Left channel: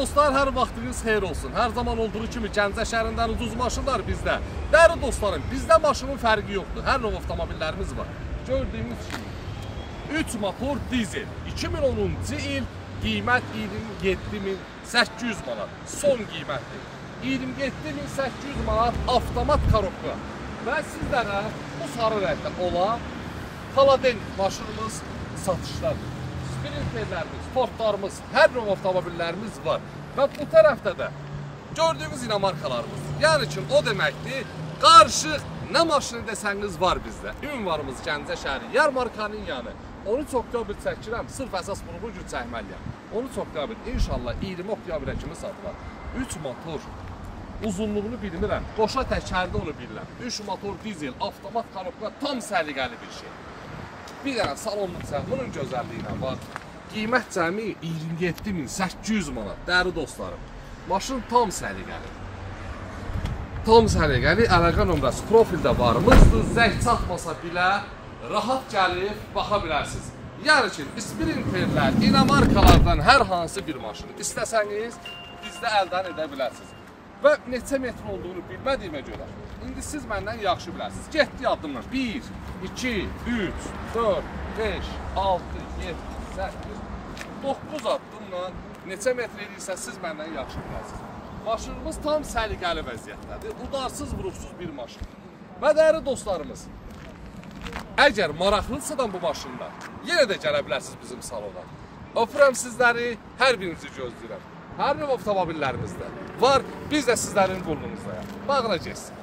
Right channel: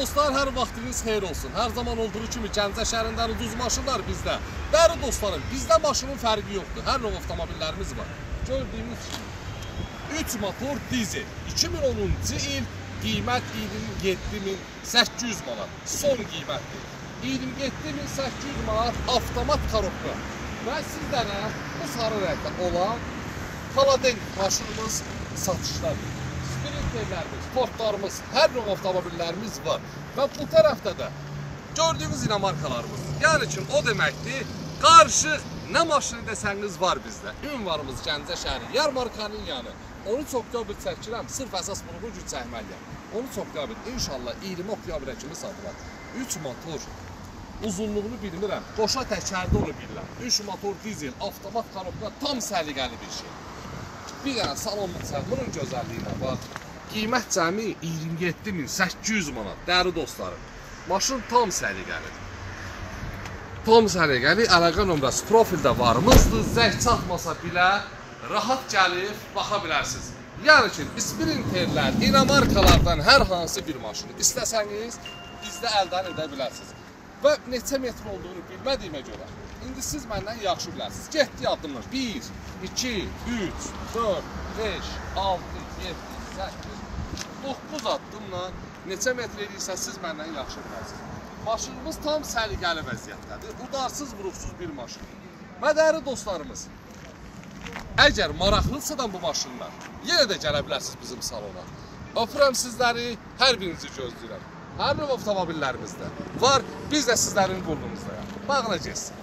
dostlar, hər vaxtınız xeyir olsun. Hər zaman olduğu kimi Gəncə şəhərindən ucuz maşınlar bizdə. Dəyərli dostlarım, bizdə maşının fərqi yoxdur. Hər növ avtomobillərimiz var. Gördüyünüz kimi 3 motor dizel, 2010-cu il, qiymət 27.800 manat. Son qiymətdir. 27.800 manat avtomat korobka. Və sizlərə bu sarı rəngdə olan Paladen maşınımız satışdadır. Sprinterlərimiz, Fordlarımız, hər növ avtomobillərimiz var. Və bu tərəfdə də gördüyünüz markalarımız. Yəni ki, o deməkdir, qarışıq nə maşını desəniz var bizdə. Ünvanımız Gəncə şəhəri, yarmarkanın yanı. 13 oktyabr çəkirəm, sırf əsas vurğu gün çəkməliyəm. 13 oktyabr, inşallah 20 oktyabra kimi satılar. 3 motor, uzunluğunu bilmirəm, qoşa təkərdə onu bilirəm. 3 motor dizel, avtomat korobka, tam səliqəli bir şey. Bir dənə salonluq bunun gözəlliyinə bax. Qiymət cəmi 27.800 manat, dəyərli dostlarım. Maşın tam səliqəli. Tam səliqəli, əlaqə nömrəsi profildə varmızdır. Zəng çatmasa bilə, rahat gəlib, baxa bilərsiniz. Yəni ki, sprinterlər, dinamarkalardan hər hansı bir maşını istəsəniz, bizdə əldən edə bilərsiniz. Və neçə metr olduğunu bilmədiyimə görə, indi siz məndən yaxşı bilərsiniz. Getdi addımlar 1, 2, 3, 4, 5, 6, 7, 8, 9 addımla neçə metr edirsə siz məndən yaxşı bilərsiniz. Maşınımız tam səliqəli vəziyyətdədir. Udarsız, vuruqsuz bir maşın. Və dəyərli dostlarımız, əgər maraqlıdırsa bu maşınlar, yenə də gələ bilərsiniz bizim salona. Öpürəm sizləri, hər birinizi gözləyirəm. Hər növ avtomobillərimizdə var, biz də sizlərin qulluğunuzdayıq. Bağına geçsin.